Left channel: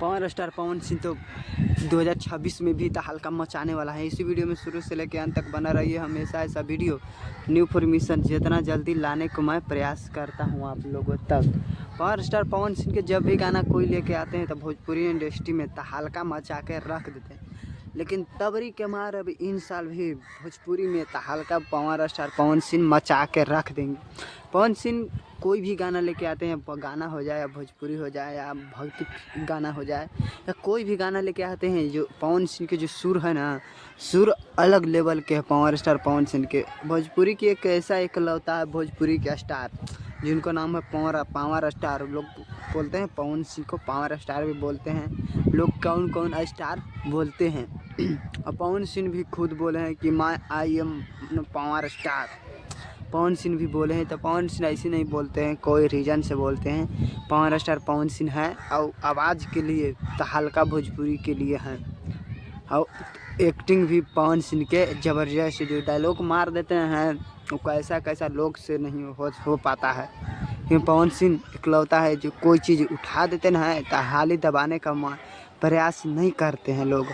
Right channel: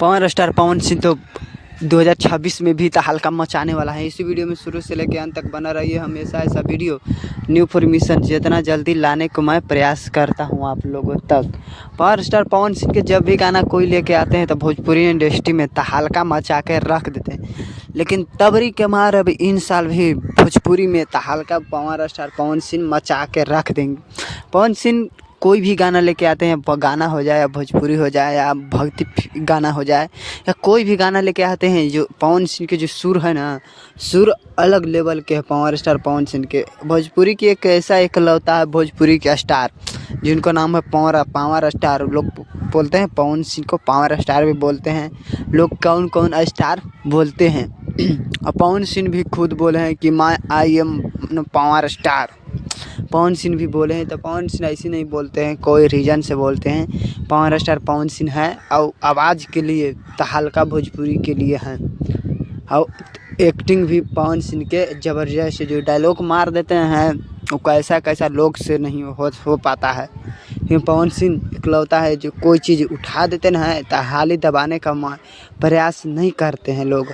Power star Pawan Singh तो 2026 में भी तहलका मचाने वाला है। इसी वीडियो में शुरू से लेकर अंत तक बना रहिए। हमेशा ऐसा वीडियो न्यू इन्फॉर्मेशन जितना जल्दी लाने को मैं प्रयास करता हूं आप लोगों तक। पावर स्टार पवन सिंह के जब भी गाना कोई लेके आते हैं तो भोजपुरी इंडस्ट्री में तहलका मचा के रख देते हैं। लेकिन तबरी के मार अब इन साल भी भोजपुरी में तहलका पावर स्टार पवन सिंह मचा के रख देंगे। पवन सिंह कोई भी गाना लेके आते हैं, गाना हो जाए या भोजपुरी हो जाए या भक्ति गाना हो जाए या कोई भी गाना लेके आते हैं, जो पवन सिंह के जो सुर है ना, सुर अलग लेवल के हैं पावर स्टार पवन सिंह के। भोजपुरी की एक ऐसा एकलौता है भोजपुरी के स्टार जिनको नाम है पावर स्टार। लोग बोलते हैं पवन सिंह को पावर स्टार भी बोलते हैं। लोग कौन कौन स्टार बोलते हैं और पवन सिंह भी खुद बोले हैं कि I am power star. Pawan Singh भी बोले हैं तो पवन सिंह ऐसे नहीं बोलते हैं, कोई रीज़न से बोलते हैं। पावर स्टार पवन सिंह है और आवाज़ के लिए तहलका भोजपुरी के लिए है। और एक्टिंग भी पवन सिंह के ज़बरदस्त, जो डायलॉग मार देते हैं वो कैसा कैसा लोग से नहीं हो पाता है। क्योंकि पवन सिंह इकलौता है जो कोई चीज़ उठा देते हैं तो हाली दबाने का प्रयास नहीं करते हैं लोग।